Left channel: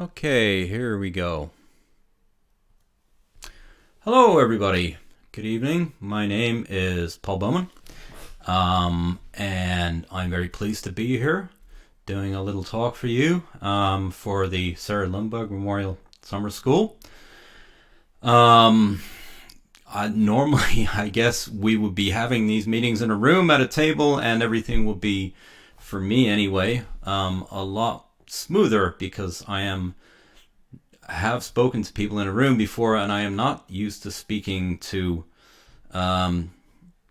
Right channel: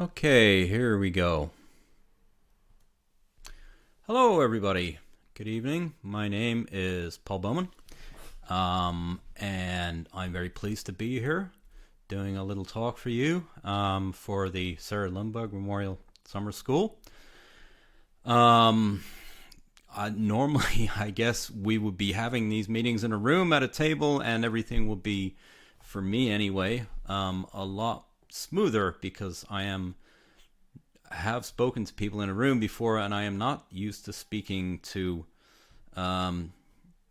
Okay, here we go. Hello, everybody. Good evening. My name is Paul Bowman, and I'm very pleased to be here doing a little talk for you for the Sarah Lundberg Memorial Summer School. Normally, I guess we would be having these meetings in a room at a table, and everything will be, for me anyway, a lot smoother because I have spoken to people in a room before, and I am not used to speaking to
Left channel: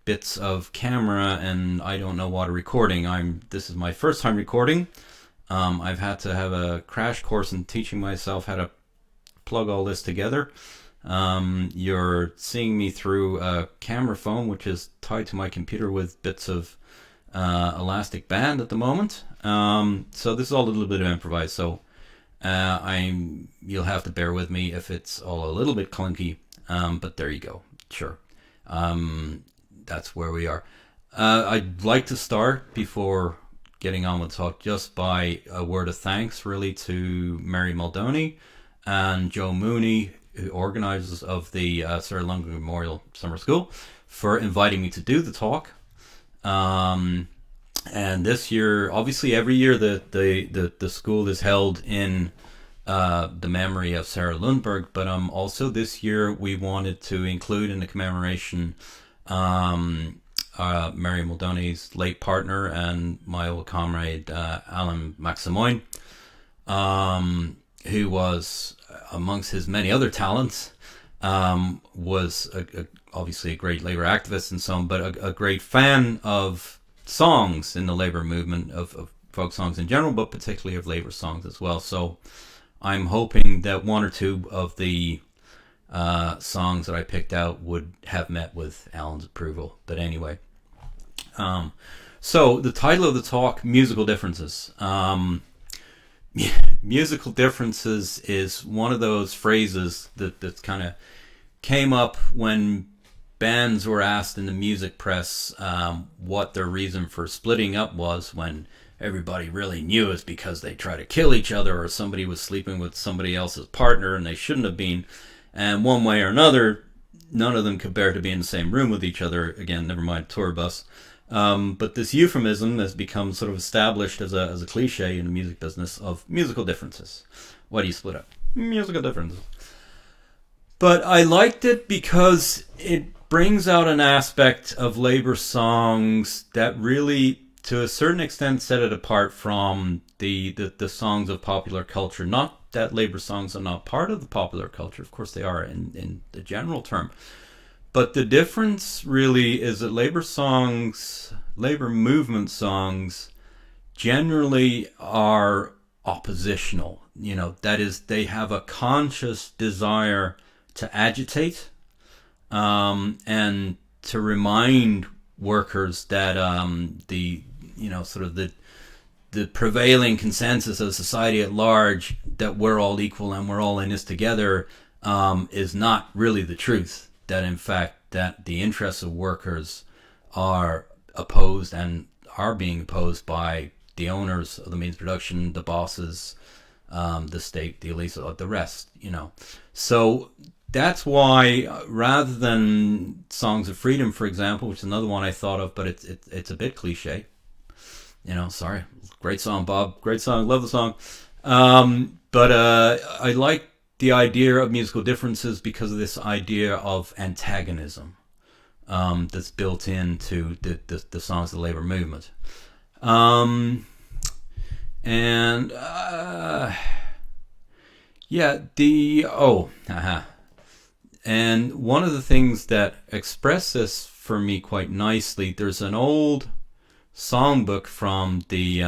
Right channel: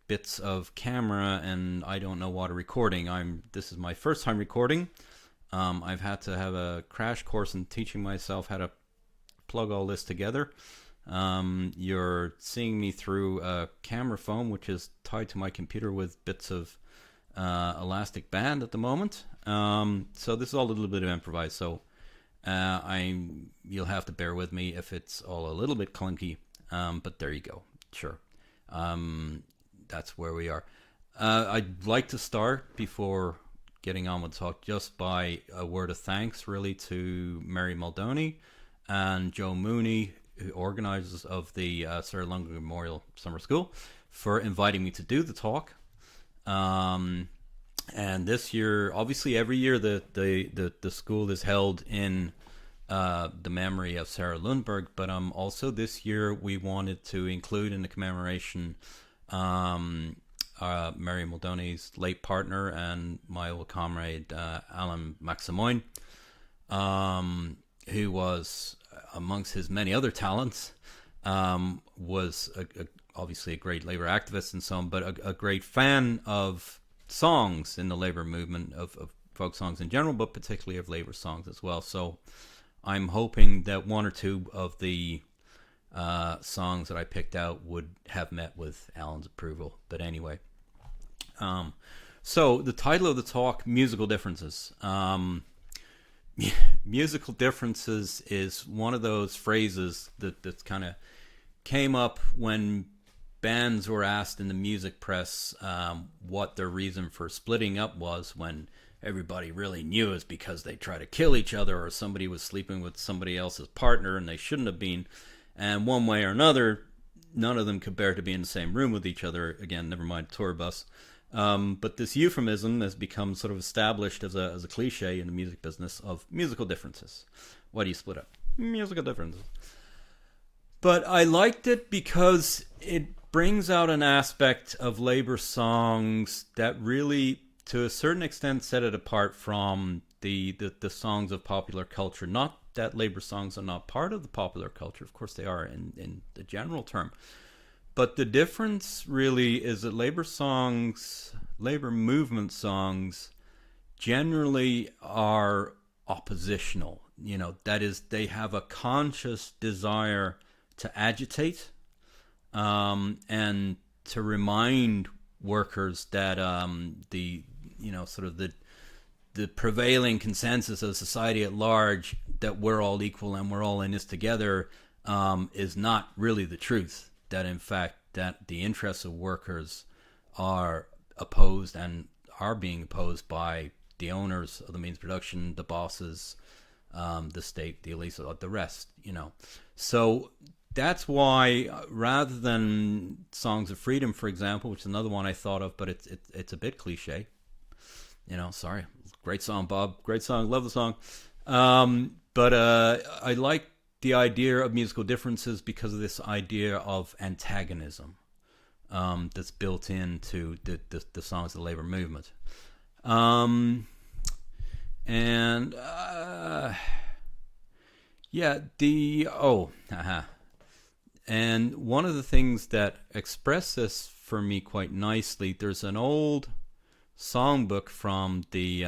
bits of camera, and I don't know what a recording. This is my first time recording. I've had to have a crash course in teaching myself how to plug all this together. You're seeing me through a camera phone, which is tied to my computer with bits of elastic band at the moment. So this is all a little bit improvised. So you'll have to bear with me if it's all a little bit clunky. But there you go. Sure. That's where we are. I'd like to start before getting on with the talk just by a word of thanks really to Mary Muldowney and Joe Mooney, who organizers of the Sarah Lundberg Memorial Summer School, for inviting me to do the talk. And this year, obviously every year the school is held in the memory of Sarah Lundberg, but also this year we wanted to include in the commemoration Mary Muldowney's late partner and my old comrade Alan MacSimoin, who was, amongst his many other talents, was obviously a great labor activist and so on, but a great fan of songs in the labor movement, of folk songs in general, but particularly of labor songs as well. So I'm hoping that one or two of the songs that I picked out would have met with Alan's approval. But anyway, so the title of the talk, Musical Differences. Musical differences is one of those phrases that kind of came up when bands were asked in the music press what their reason for splitting up was, when everybody really knew it's because they try to kill each other or somebody was sleeping with somebody else's partner and they shouldn't have been. And one way or another, none of them could bear to be in the same room with each other. Again, never mind tour bus. But this euphemism has become sort of established as a cliche in the music business of musical differences. Why do you split up? Musical differences. But I liked it because it brings out an aspect of labor songs that really, to a certain extent, set it apart from the songs of popular culture. Not that labor songs are not part of the popular culture. Of course they are in the general term. But the difference really is that labor movement songs, generally are oppositional. That is, they have a conscious desire to agitate and to remind workers that the prevailing consensus of society at large, that we're all equal and we're all in this together, is not really the truth. That in fact that the interests of workers are opposed and are being opposed by the owners of the means of production, the bosses, the state, the elites, the rest. So that's why, rather than Songs of Freedom, for example, which is another one I thought of, but it's a bit cliche. Sorry, great song, Bob, great song, love the song. But I like the idea of musical differences because of this idea of antagonism that's built into the songs of the labor movement. And one of the things that express this for me quite nicely, there's an old songbook from the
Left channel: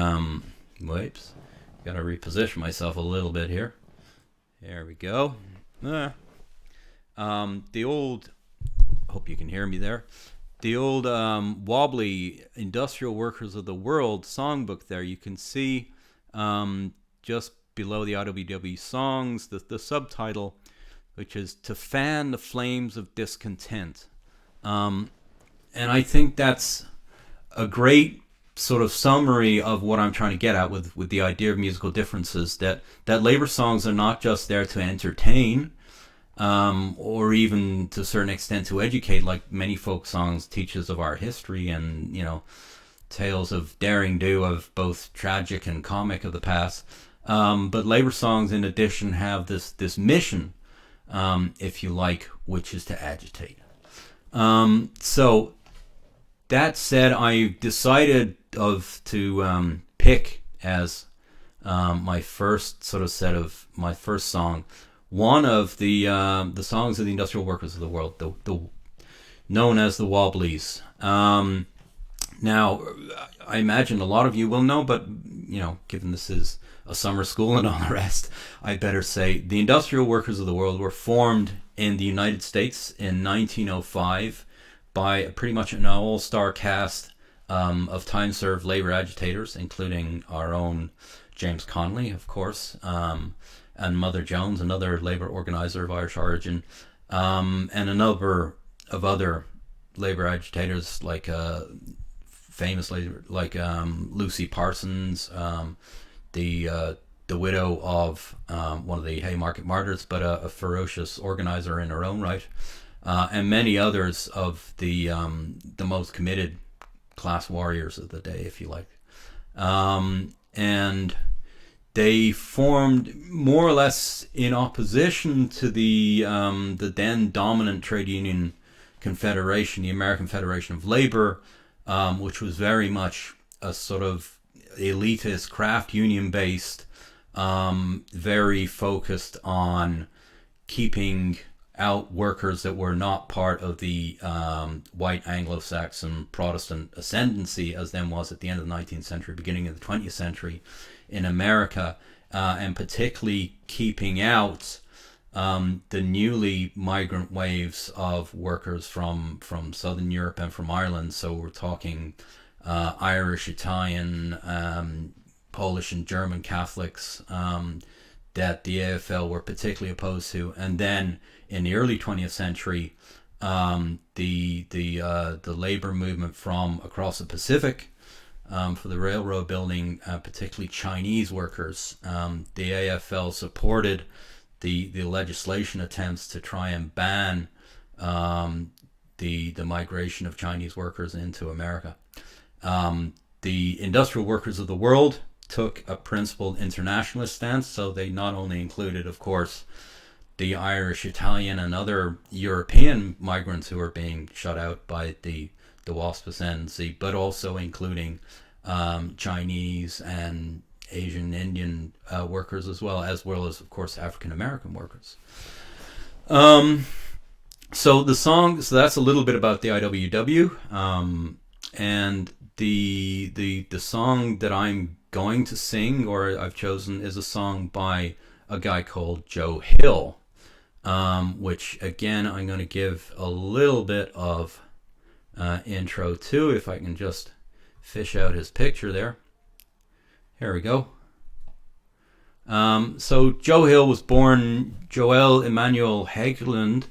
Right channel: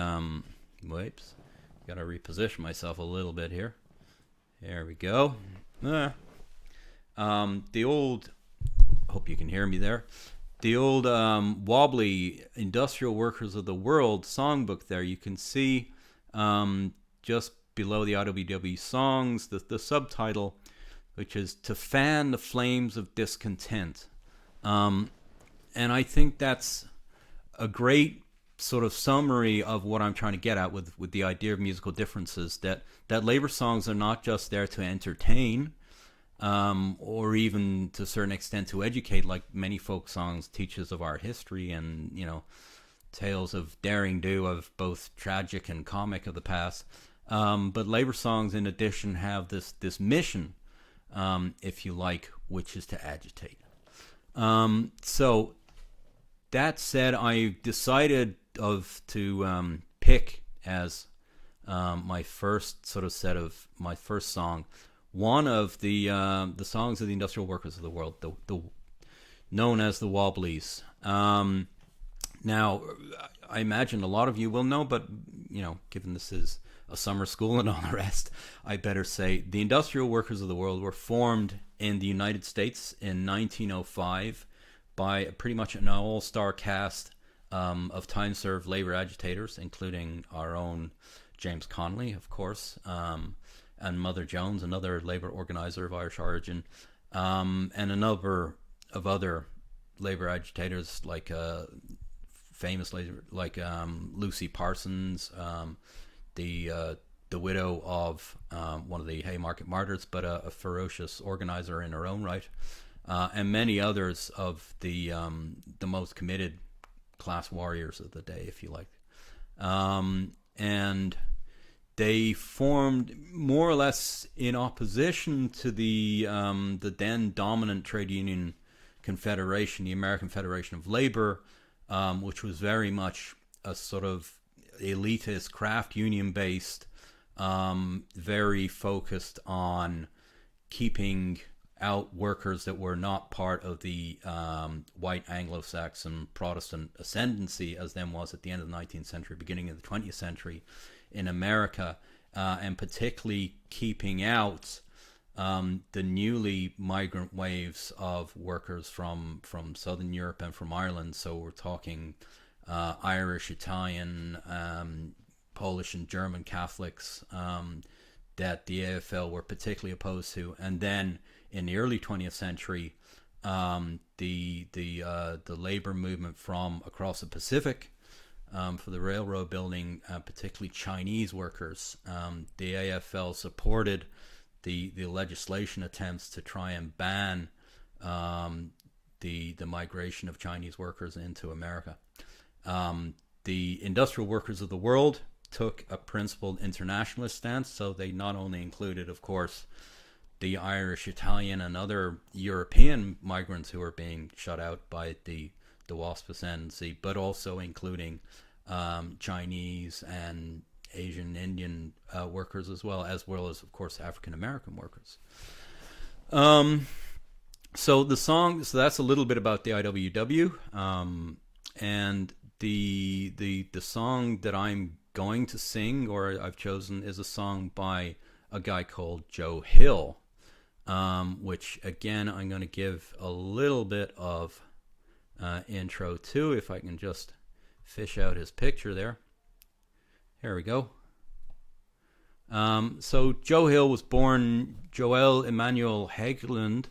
gotta reposition myself a little bit here. There we go. The old, hope you can hear me there, the old wobbly Industrial Workers of the World songbook there. You can see just below the IWW songs the subtitle, which is "To Fan the Flames of Discontent." And I think that's a great sort of summary of what I'm trying to get at with the idea of musical differences, that labor songs are not just there to entertain, or even to a certain extent to educate, like many folk songs teach us of our history and, tales of daring do of both tragic and comic of the past. But labor songs, in addition, have this mission, if you like, which is to agitate. So that said, I decided to pick as my first sort of set of my first song, one of the songs of the industrial workers of the world, the known as the Wobblies. Now, I imagine a lot of you will know, but given this is a summer school and all the rest, I better say the industrial workers of the world were formed in the United States in 1905 by pretty much an all-star cast of time-served labor agitators, including our own James Connolly, of course, and Mother Jones, another labor organizer of Irish origin, and a number of other labor agitators, like famously like Lucy Parsons, the widow of one of the Haymarket martyrs, but a ferocious organizer in her own right, and many others of the most committed class warriors of the day, if you like. And they formed more or less in opposition to the then dominant trade union confederation, the American Federation of Labor, which was very much a sort of elitist, craft union based, very focused on keeping out workers that were not part of the white Anglo-Saxon Protestant ascendancy, as then was at the end of the 19th century, beginning of the 20th century in America, and particularly keeping out the newly migrant waves of workers from Southern Europe and from Ireland. So we're talking Irish, Italian, Polish and German Catholics that the AFL were particularly opposed to. And then in the early 20th century, the labor movement from across the Pacific, for the railroad building, particularly Chinese workers. The AFL supported the legislation attempts to try and ban the migration of Chinese workers into America. The industrial workers of the world took a principled internationalist stance, so they not only included, of course, the Irish, Italian, and other European migrants who were being shut out by the WASP ascendancy, but also including Chinese and Asian, Indian workers as well as, of course, African American workers. So that's a little bit about the IWW, and the song that I'm going to sing, or I've chosen, is a song by a guy called Joe Hill, which again I'm going to give a little bit of intro to, if I can just fish out his picture there. Here we go. So Joe Hill was born Joel Emanuel Hägglund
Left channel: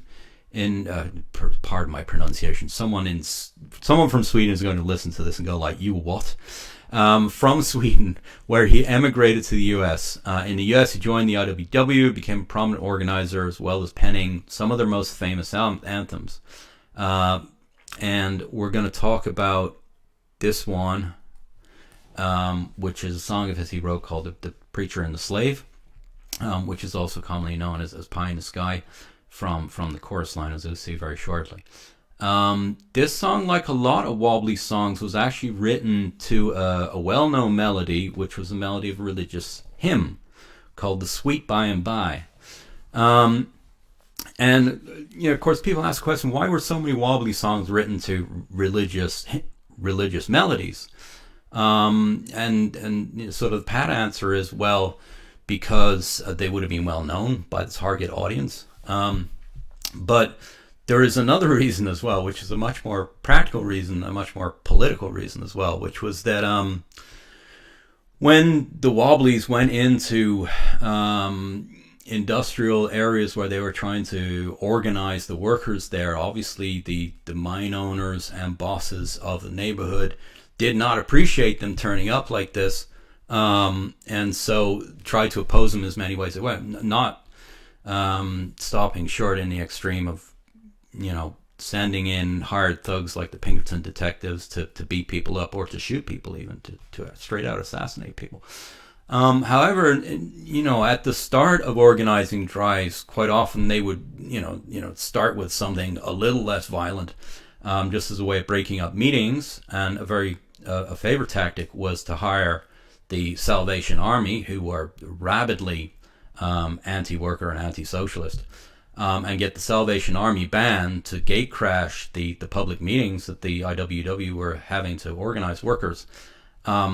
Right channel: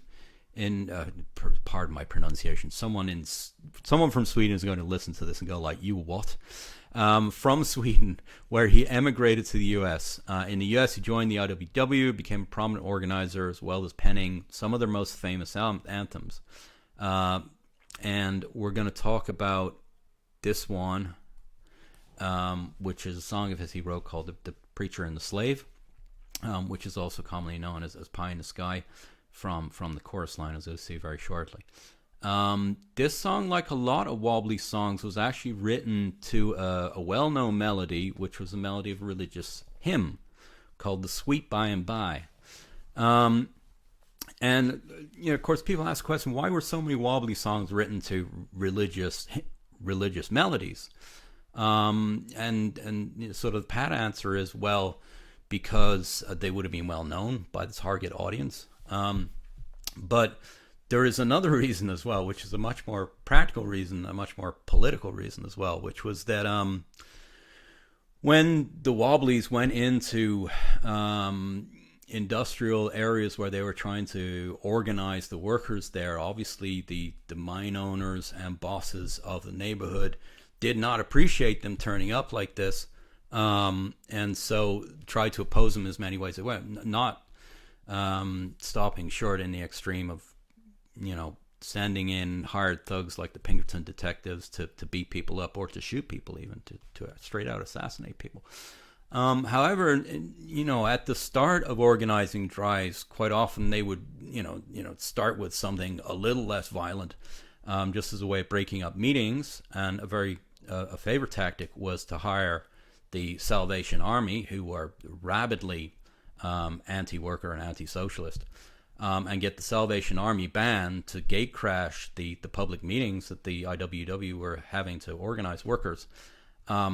in, pardon my pronunciation, someone from Sweden is going to listen to this and go like, you what? From Sweden, where he emigrated to the U.S. In the U.S., he joined the IWW, became a prominent organizer, as well as penning some of their most famous anthems. And we're going to talk about this one, which is a song of his he wrote called The Preacher and the Slave, which is also commonly known as Pie in the Sky, from the chorus line, as you'll see very shortly. This song, like a lot of Wobbly songs, was actually written to a well-known melody, which was a melody of a religious hymn called The Sweet By and By. And of course, people ask the question, why were so many Wobbly songs written to religious melodies? And sort of the pat answer is, well, because they would have been well known by the target audience. But there is another reason as well, which is a much more practical reason, a much more political reason as well, which was that when the Wobblies went into industrial areas where they were trying to organize the workers there, obviously the mine owners and bosses of the neighborhood, did not appreciate them turning up like this, and so tried to oppose them as many ways as well, not stopping short in the extreme of, sending in hired thugs like the Pinkerton detectives to beat people up or to shoot people, even to straight out assassinate people. However, at the start of organizing drives, quite often they would, start with something a little less violent, just as a way of breaking up meetings. And a favorite tactic was to hire the Salvation Army, who were rabidly anti-worker and anti-socialist, and get the Salvation Army band to gate crash the public meetings that the IWW were having to organize workers,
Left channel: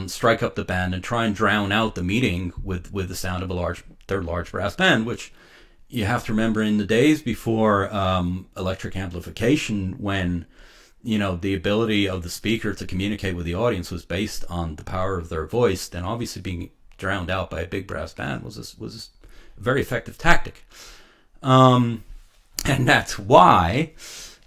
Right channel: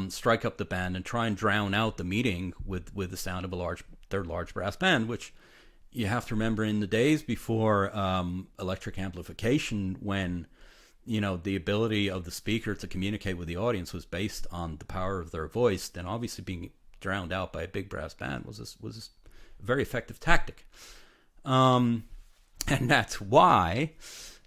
strike up the band and try and drown out the meeting with the sound of their large brass band, which you have to remember, in the days before electric amplification, when the ability of the speaker to communicate with the audience was based on the power of their voice, then obviously being drowned out by a big brass band was a very effective tactic. And that's why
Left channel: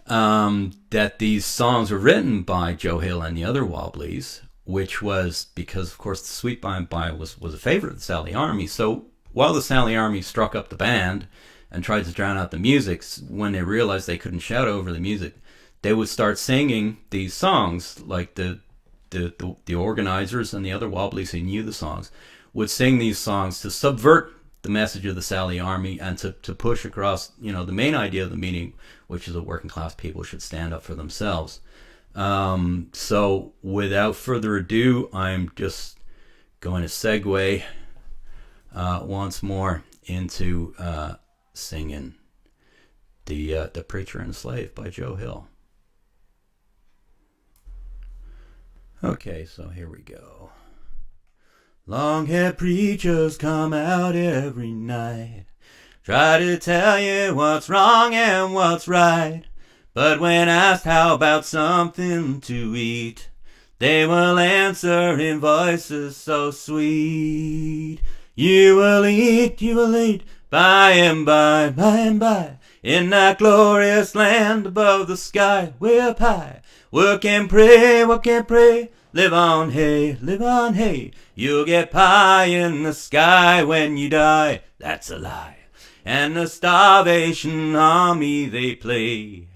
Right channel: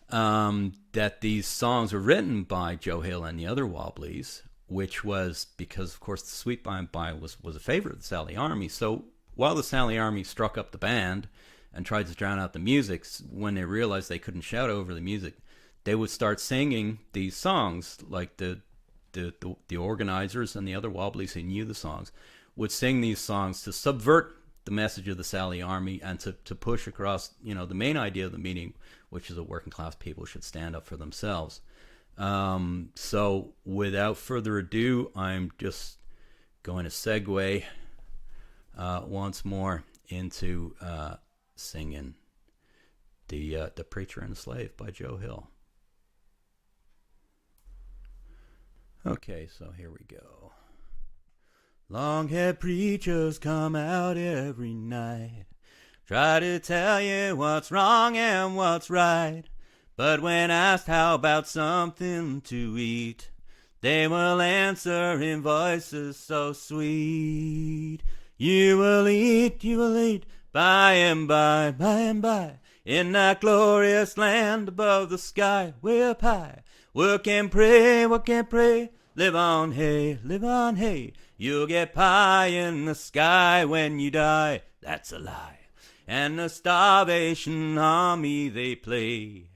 that these songs were written by Joe Hill and the other Wobblies, which was because, of course, the Sweet By and By was a favorite of the Sally Army. So while the Sally Army struck up the band and tried to drown out the music, when they realized they couldn't shout over the music, they would start singing these songs, like the organizers and the other Wobblies who knew the songs would sing these songs to subvert the message of the Sally Army and to push across, the main idea of the meeting, which is that working class people should stand up for themselves. So without further ado, I'm just going to segue once more into singing the Preacher and Slave by Joe Hill. Okay, so here we go. Long-haired preachers come out every night, try to tell you what's wrong and what's right. But when asked how about something to eat, they will answer in voices so sweet. You will eat, by and by, in that glorious land above the sky, way up high. Work and pray, live on hay. You'll get pie in the sky when you die. That's a lie. And the Starvation Army, they play,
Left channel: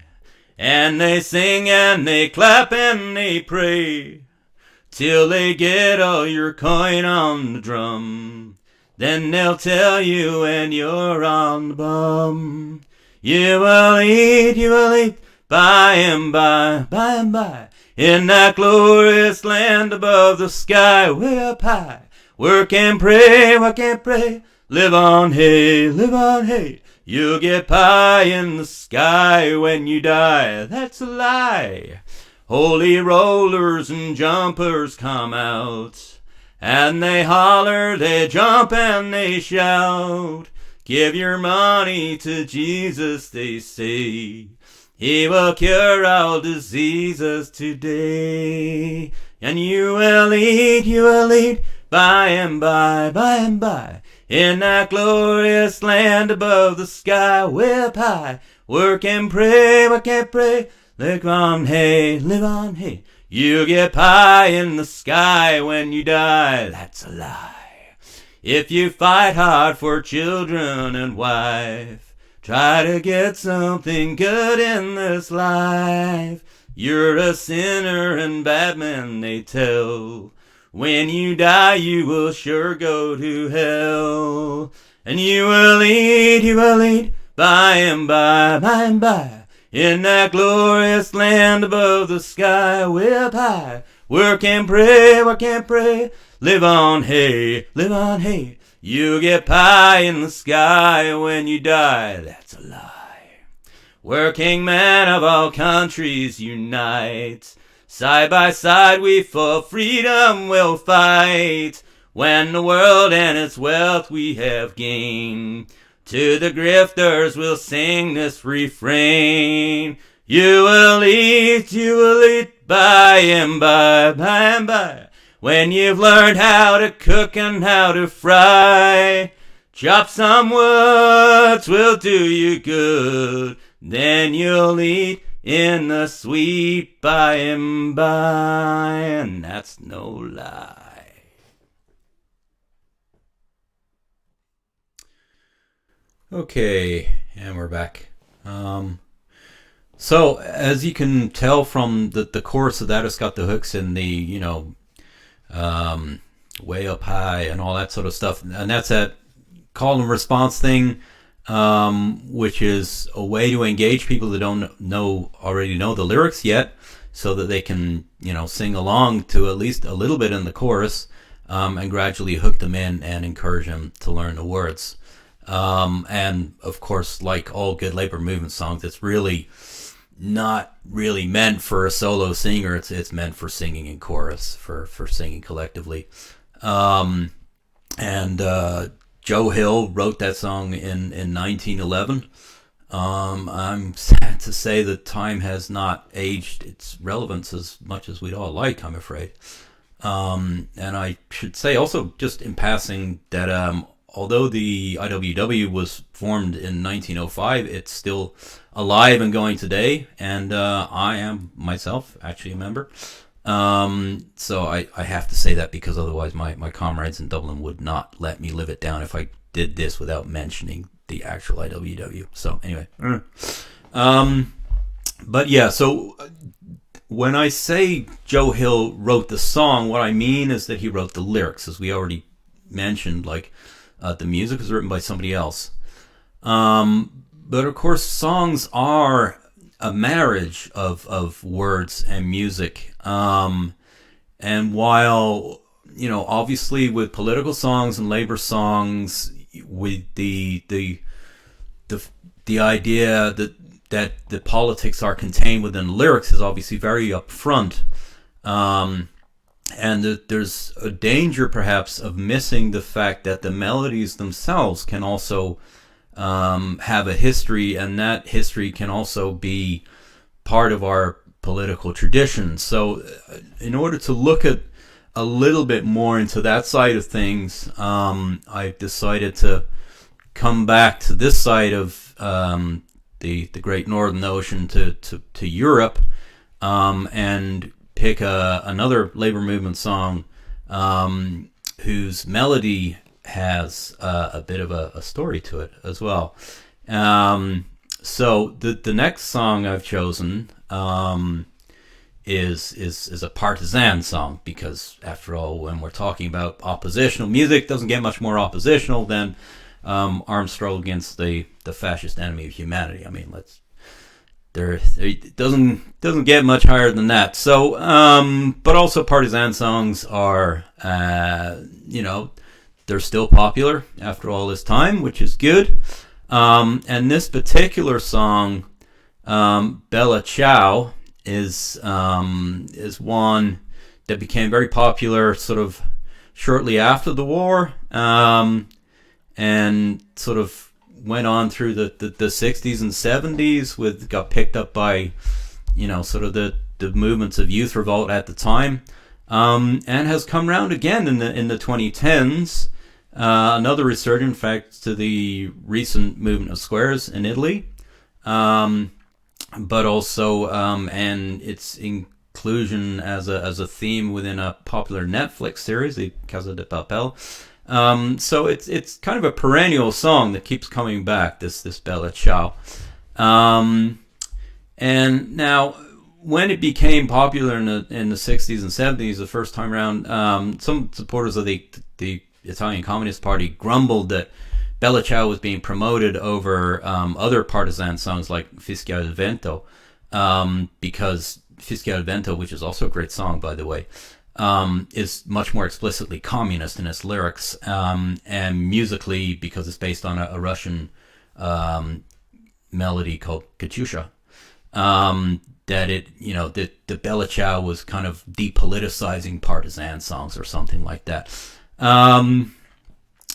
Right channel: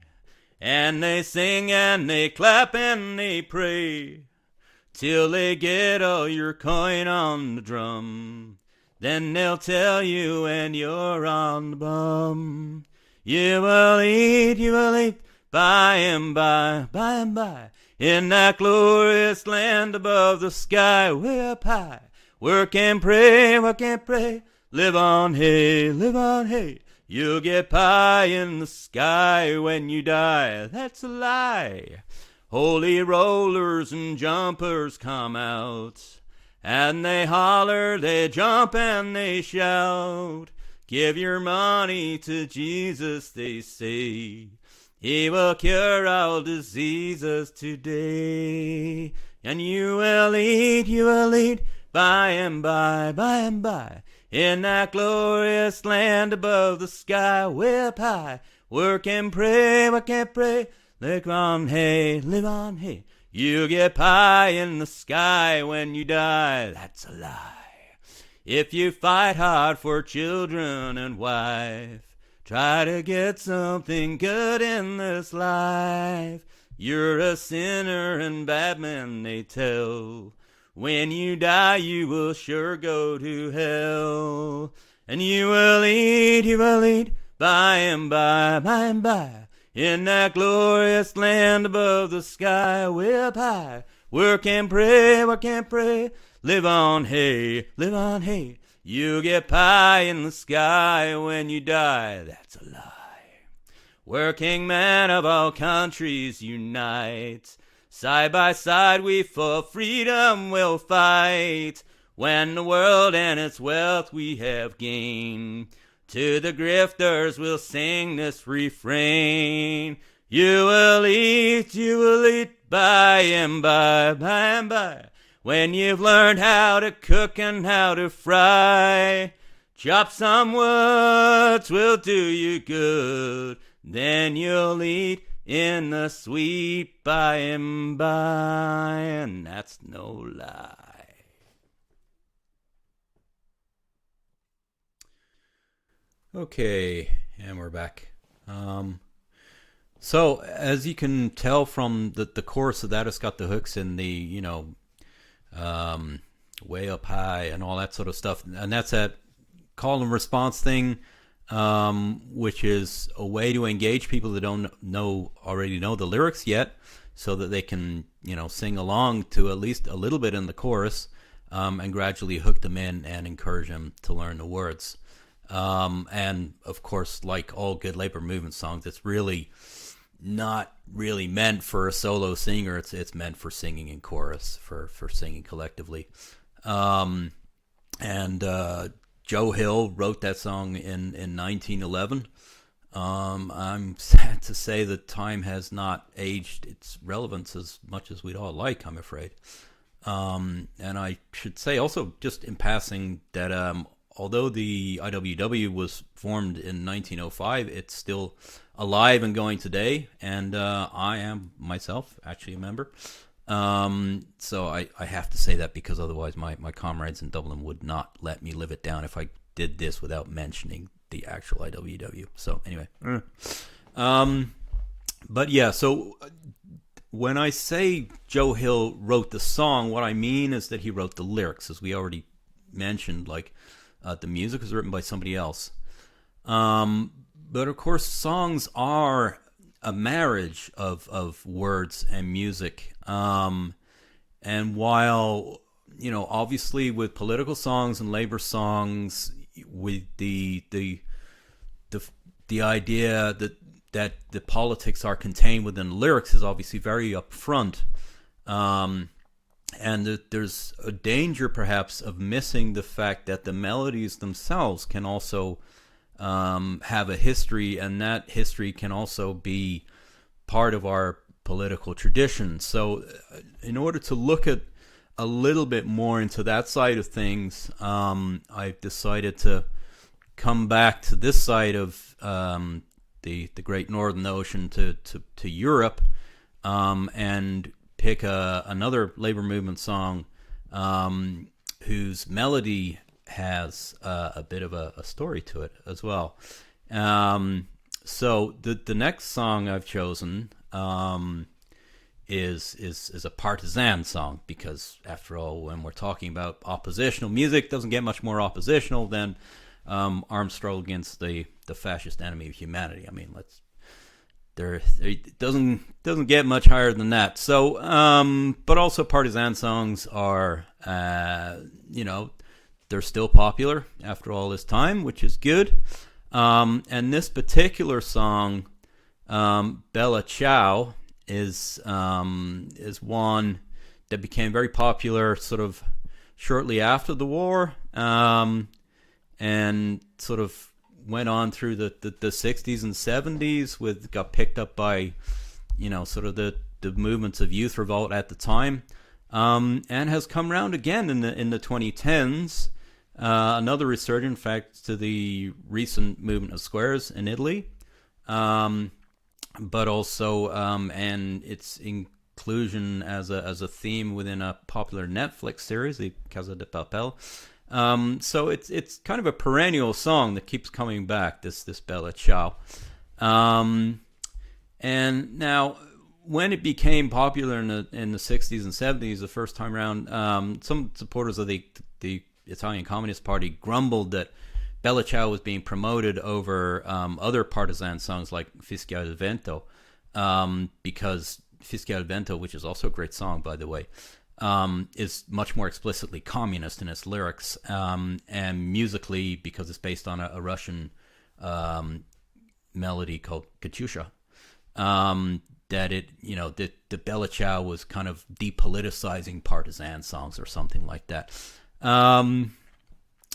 and they sing and they clap and they pray, till they get all your coin on the drum. Then they'll tell you when you're on the bum. You will eat, by and by, in that glorious land above the sky, way up high. Work and pray, live on hay. You'll get pie in the sky when you die. That's a lie. Holy rollers and jumpers come out, and they holler, they jump and they shout. Give your money to Jesus, they say. He will cure all diseases today. And you will eat, by and by, in that glorious land above the sky, way up high. Work and pray, live on hay. You get pie in the sky when you die. That's a lie. If you fight hard for children and wife, try to get something good in this life, you're a sinner and bad men, they tell. When you die, you will sure go to hell. And you will eat, by and by, in that glorious land above the sky, way up high. Work and pray, live on hay. You get pie in the sky when you die. That's a lie. Working men of all countries unite. Side by side we for freedom will fight. When the world and its wealth we have gained, to the grifters we'll sing this refrain. You will eat, by and by, when you've learned how to cook and how to fry. Chop some woods will do you good, then you'll eat, in the sweet by and by, and that's no lie. Okay, and we're back. So as you can tell from the chorus of that, it's got the hooks in the way up high and all that sort of stuff, and that's that call and response thing, which is a way to engage people that don't already know the lyrics yet, so that they can sing along to at least a little bit in the chorus, and gradually hook them in and encourage them to learn the words. And of course, like all good labor movement songs, it's really not really meant for a solo singer. It's meant for singing in chorus, for singing collectively. And Joe Hill wrote that song in 1911. I'm sad to say that time has not aged its relevance as much as we'd all like, I'm afraid. And I should say also, just in passing, that although the IWW was formed in 1905, it's still alive and going today, and I am myself actually a member. So I have to say that, because otherwise my comrades in Dublin would not let me live it down if I did this without mentioning the actual IWW. So anyway. But yeah, so when I say Joe Hill wrote the song, what I mean is that he wrote the lyrics, as we already mentioned. Like, the music was written by somebody else. But of course, songs are a marriage of words and music. And while, obviously with political songs and labor songs, with the idea that the politics are contained within lyrics is obviously very upfront. And that there's a danger perhaps of missing the fact that the melodies themselves can also have a history, and that history can also be part of our political tradition. So in order to look at a little bit more into that side of things, I've decided to come back to this side of the Great Northern Ocean to Europe, and pick another labor movement song whose melody has a bit of a story to it as well. So the next song I've chosen is a partisan song, because after all, when we're talking about oppositional music, it doesn't get much more oppositional than armed struggle against the fascist enemy of humanity. I mean, it doesn't get much higher than that. So, but also partisan songs are, they're still popular after all this time, which is good. And this particular song, Balachau, is one that became very popular sort of shortly after the war, and sort of went on through the 60s and 70s, got picked up by sort of the movements of youth revolt at the time, and has come round again in the 2010s. Another resurgence, in fact, to the recent movement of squares in Italy, but also and its inclusion as a theme within a popular Netflix series, the Casa de Papel. So it's kind of a perennial song that keeps coming back, this Balachau. And now, when it became popular in the 60s and 70s, the first time around, some supporters of the Italian Communist Party grumbled that Balachau was being promoted over other partisan songs like Fischia del Vento, because Fischia del Vento, which is also a great song, by the way, is much more explicitly communist in its lyrics, and musically, because it's based on a Russian melody called Katyusha, that the Balachau was kind of depoliticizing partisan songs or something like that.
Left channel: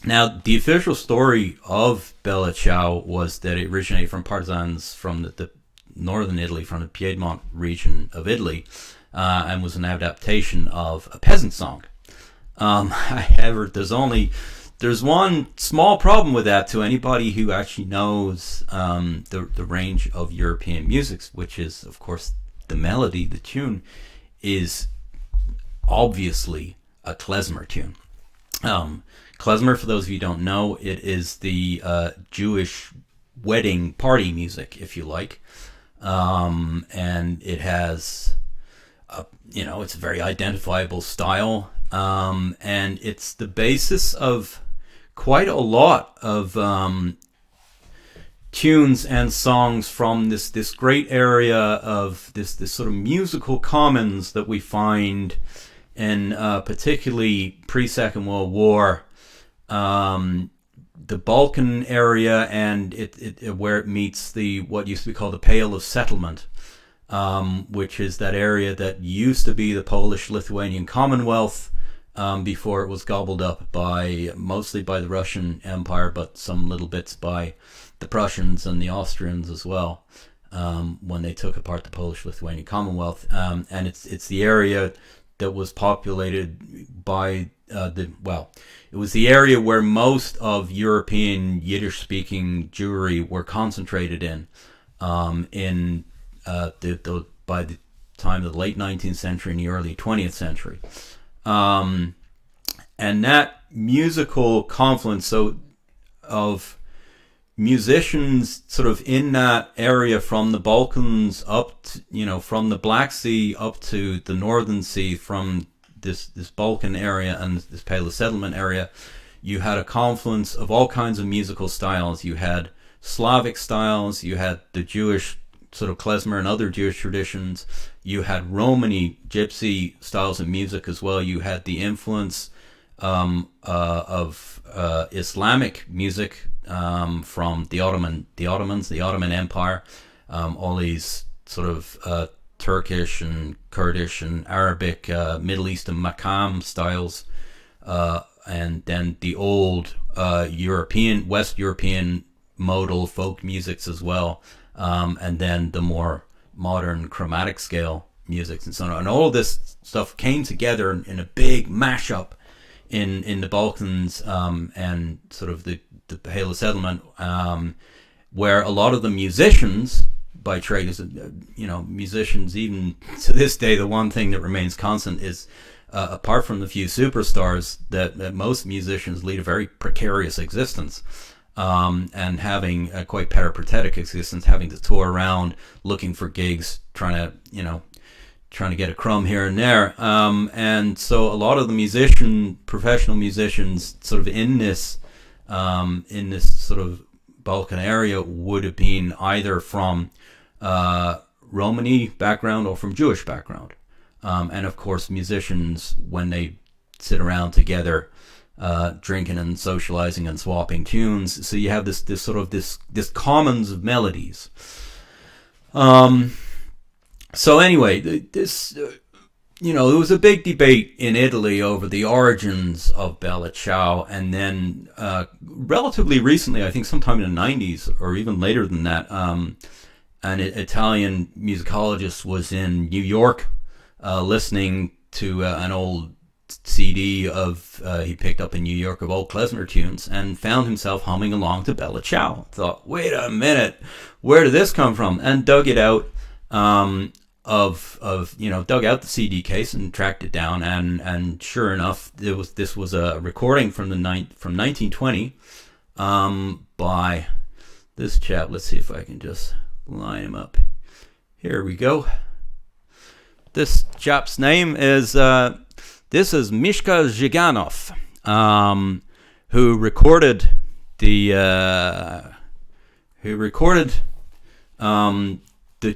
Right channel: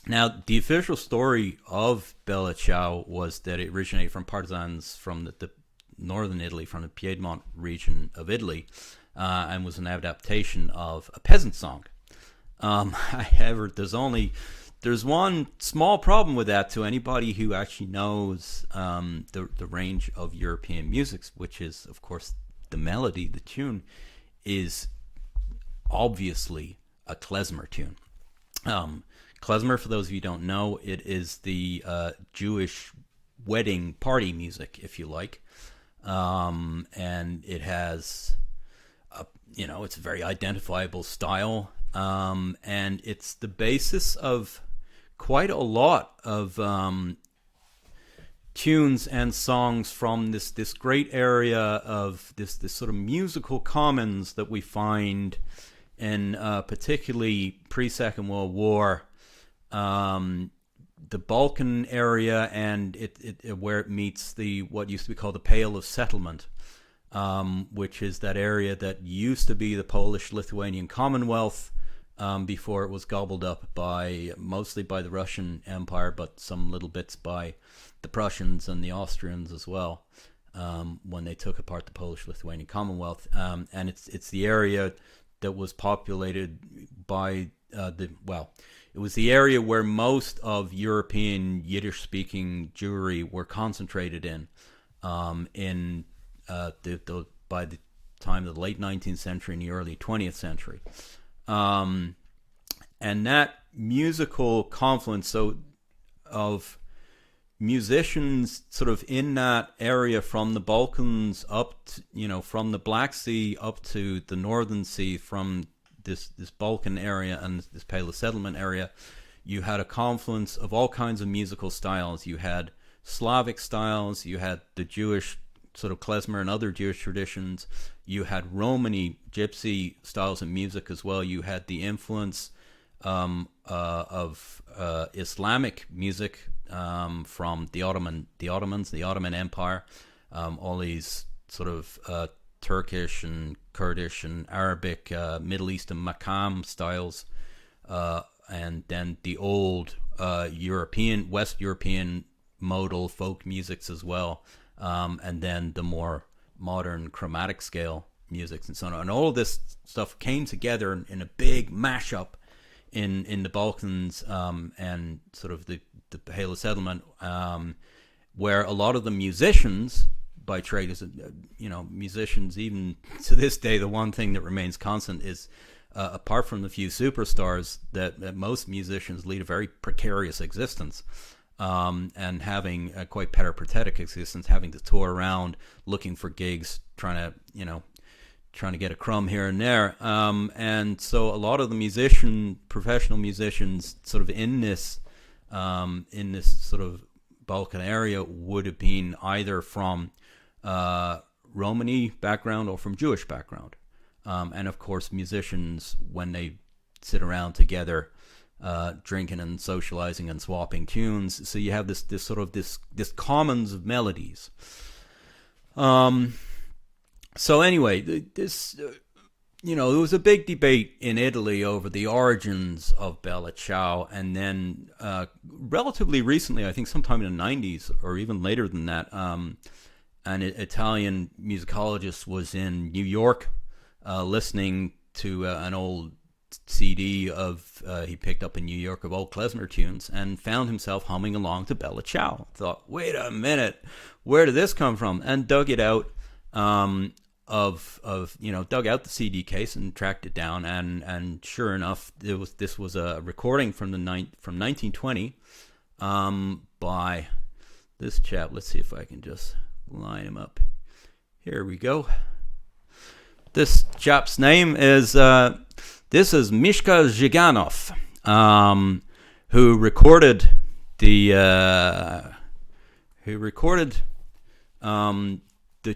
Now, the official story of Balachau was that it originated from partisans from the northern Italy, from the Piedmont region of Italy, and was an adaptation of a peasant song. However, there's only There's one small problem with that to anybody who actually knows the range of European musics, which is, of course, the melody, the tune, is obviously a klezmer tune. Klezmer, for those of you who don't know, it is the Jewish wedding party music, if you like. And it has, it's a very identifiable style. And it's the basis of quite a lot of tunes and songs from this great area of this sort of musical commons that we find in particularly pre-Second World War, the Balkan area, and it where it meets what used to be called the Pale of Settlement, which is that area that used to be the Polish-Lithuanian Commonwealth, before it was gobbled up mostly by the Russian Empire, but some little bits by the Prussians and the Austrians as well, when they took apart the Polish-Lithuanian Commonwealth. And it's the area that was populated by it was the area where most of European Yiddish-speaking Jewry were concentrated in by the time of the late 19th century and the early 20th century. And that musical confluence of musicians sort of in that area from the Balkans up to, from the Black Sea up to the Northern Sea, from this Balkan area and this Pale Settlement area, you had a confluence of all kinds of musical styles. You had Slavic styles, you had the Jewish sort of klezmer and other Jewish traditions, you had Romany, gypsy styles of music as well, you had the influence of Islamic music from the Ottomans, the Ottoman Empire, all these sort of Turkish and Kurdish and Arabic, Middle Eastern Makam styles, and then the old West European modal folk musics as well, and then the more modern chromatic scale musics and so on. And all of this stuff came together in a big mashup in the Balkans, and sort of the Pale Settlement, where a lot of the musicians by trade is, musicians even to this day, the one thing that remains constant is, apart from the few superstars, that most musicians lead a very precarious existence, and having a quite peripatetic existence, having to tour around looking for gigs, trying to get a crumb here and there. And so a lot of the professional musicians sort of in this sort of Balkan area would have been either from Romani background or from Jewish background. And of course, musicians, when they sit around together, drinking and socializing and swapping tunes, so you have this commons of melodies. So anyway, there was a big debate in Italy over the origins of Balachau, and then relatively recently, I think sometime in the 90s or even later than that, an Italian musicologist was in New York listening to an old CD he picked up in New York of old klezmer tunes, and found himself humming along to Balachau. Thought, wait a minute, where did this come from? And dug it out, dug out the CD case and tracked it down, and sure enough, this was a recording from 1920 by this chap. Let's see if I can just line him up. Here we go. This chap's name is Mishka Zhiganov, who recorded the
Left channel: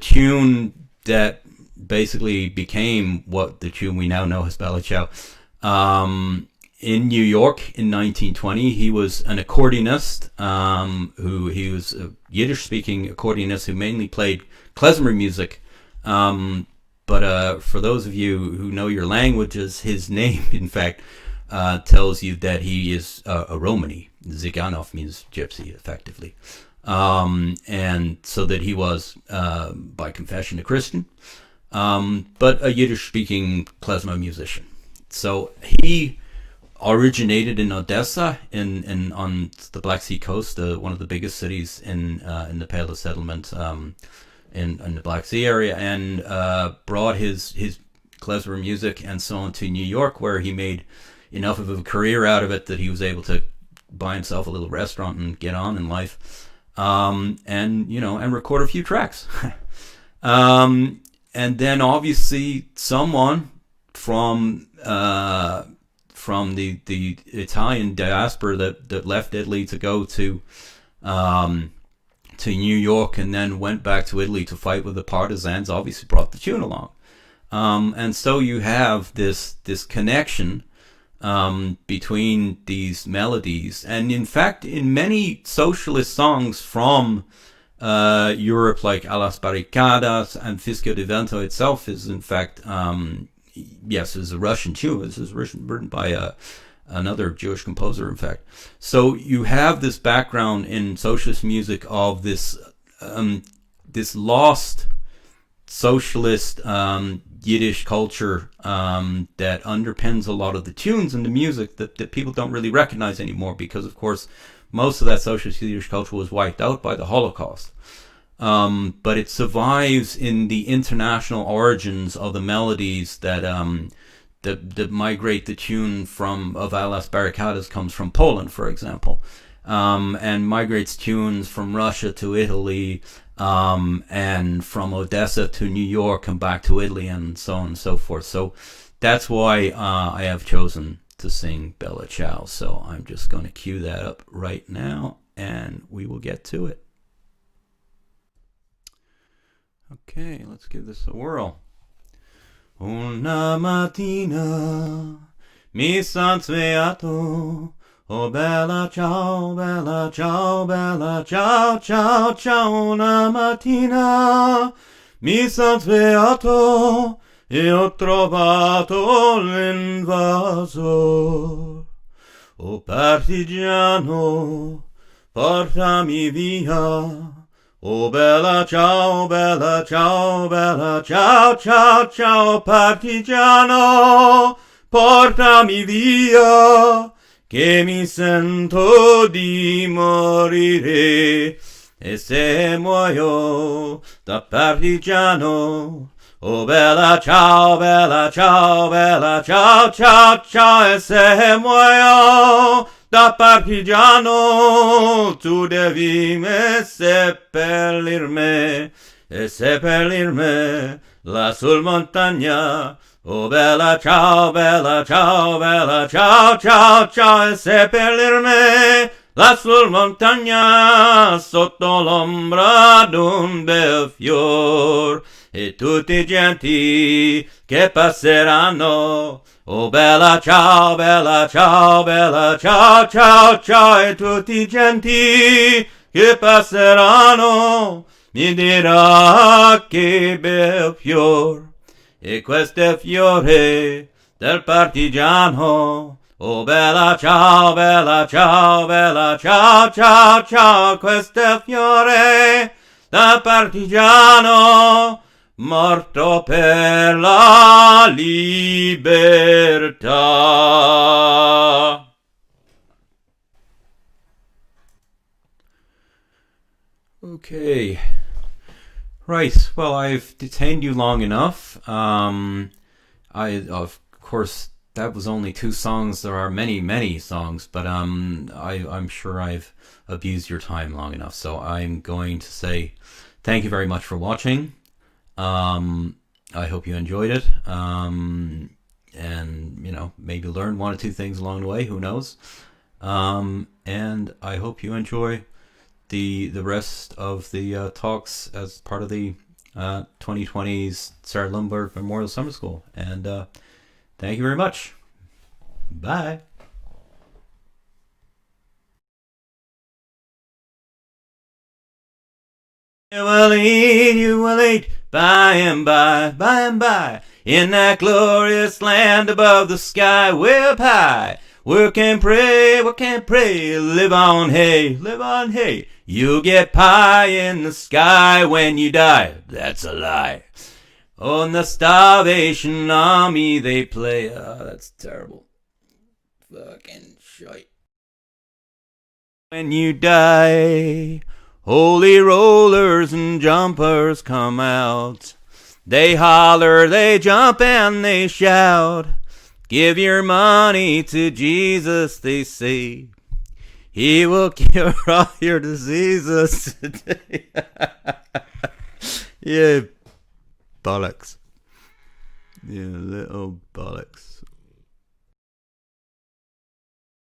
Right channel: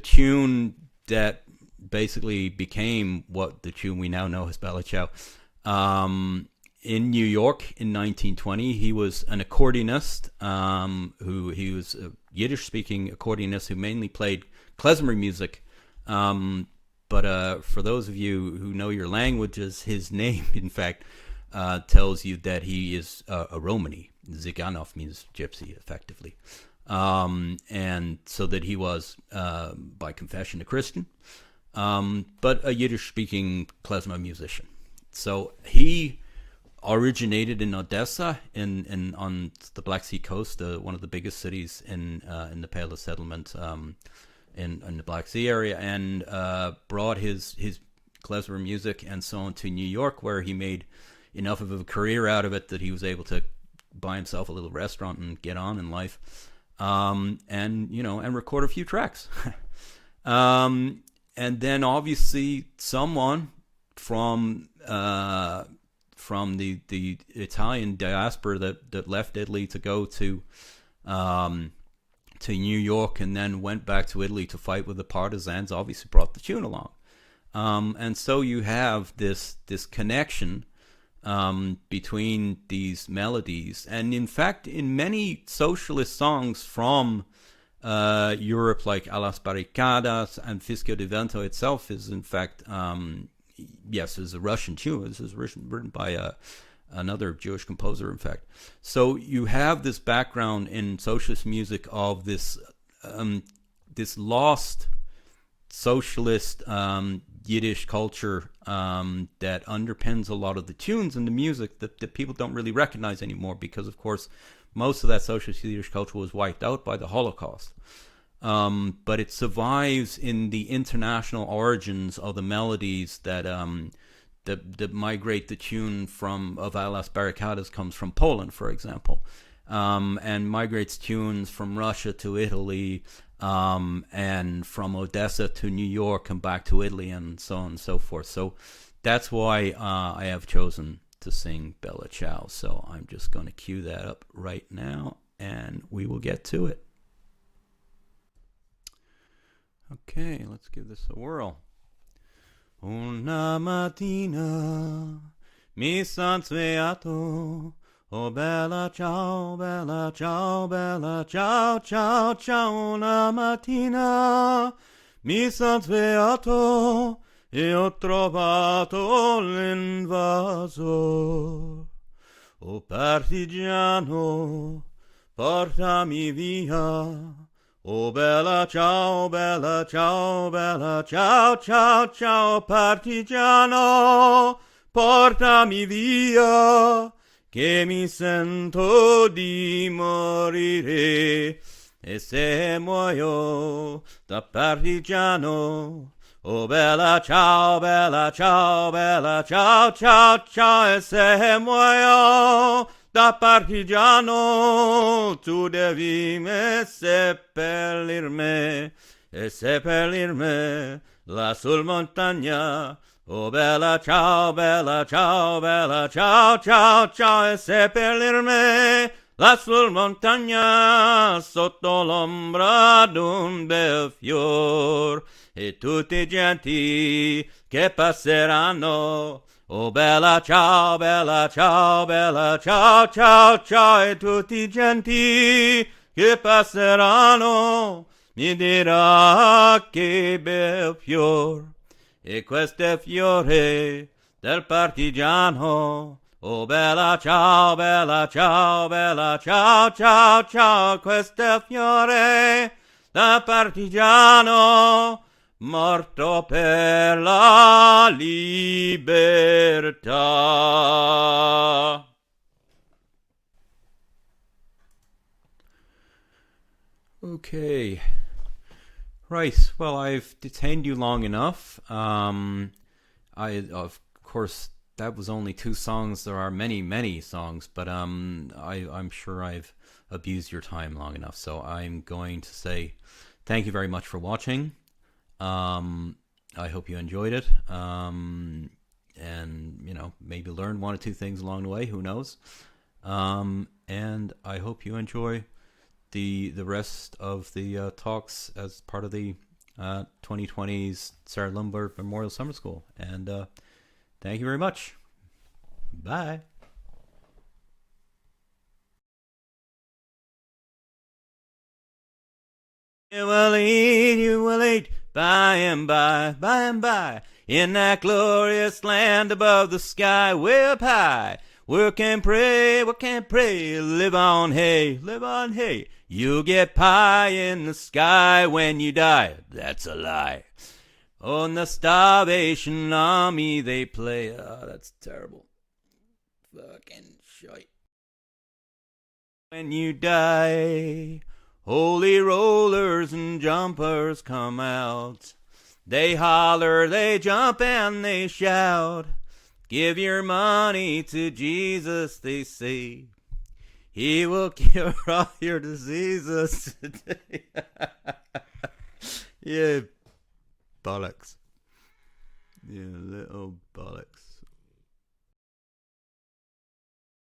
tune that basically became what the tune we now know as Balachau. In New York in 1920, he was an accordionist. He was a Yiddish-speaking accordionist who mainly played klezmer music. But for those of you who know your languages, his name, in fact, tells you that he is a Romani. Ziganov means gypsy, effectively. And so that he was, by confession, a Christian, but a Yiddish-speaking klezmer musician. So he originated in Odessa, in on the Black Sea coast, one of the biggest cities in the Pale settlement, in the Black Sea area, and brought his klezmer music and so on to New York, where he made enough of a career out of it that he was able to buy himself a little restaurant and get on in life, and record a few tracks. And then obviously someone from the Italian diaspora that left Italy to go to New York and then went back to Italy to fight with the partisans obviously brought the tune along. And so you have this connection between these melodies. And in fact, in many socialist songs from Europe, like A las Barricadas and Fischio di Vento itself is in fact, yes, is a Russian tune. This is written by another Jewish composer, in fact. So you have this background in socialist music of this lost socialist Yiddish culture that underpins a lot of the tunes and the music that people don't really recognize anymore, because of course most of that socialist Yiddish culture was wiped out by the Holocaust. But it survives in the international origins of the melodies that migrate. The tune of A las Barricadas comes from Poland, for example, and migrates tunes from Russia to Italy, and from Odessa to New York and back to Italy, and so on and so forth. So that's why I have chosen to sing Balachau. So I'm just going to cue that up right now, and we will get to it. Okay, let's give this a whirl. Una mattina mi son svegliato, oh bella ciao, bella ciao, bella ciao, ciao, ciao. Una mattina mi son svegliato e ho trovato l'invasor. Oh partigiano, portami via. Oh bella ciao, bella ciao, bella ciao, ciao, ciao. Partigiano, portami via, che mi sento di morire. E se muoio da partigiano, oh bella ciao, bella ciao, bella ciao, ciao, ciao. E se muoio da partigiano, tu devi me seppellirmi, e seppellirmi là sul montagna. Oh bella ciao, bella ciao, bella ciao, ciao, ciao. E seppellirmi là sul montagna, sotto l'ombra d'un bel fior, e tutti genti che passeranno. Oh bella ciao, bella ciao, bella ciao, ciao, ciao. E tutti genti che passeranno mi dirà che bel fior, e questo è fiore del partigiano. Oh bella ciao, bella ciao, bella ciao, ciao, ciao. Questo è fiore del partigiano, morto per la libertà. Okay. Right. Well, I've detained you long enough. Of course, that was only 2 songs. There are many, many songs, but I'm sure I've abused your time long enough. So I'm going to say thank you very much for watching. I hope you enjoyed it, and maybe learn 1 or 2 things along the way. Who knows? And I hope you enjoy the rest of the talks as part of the 2020's Sarah Lundberg Memorial Summer School. And thank you very much. Bye. You will eat by and by, in that glorious land above the sky, way up high. Work and pray, live on hay. You'll get pie in the sky when you die. That's a lie. On the Starvation Army they play. Oh, that's terrible. fucking shite. When you die, holy rollers and jumpers come out. They holler, they jump, and they shout. Give your money to Jesus, they say. He will cure all your diseases today. Yeah, bollocks. Yeah, little bollocks.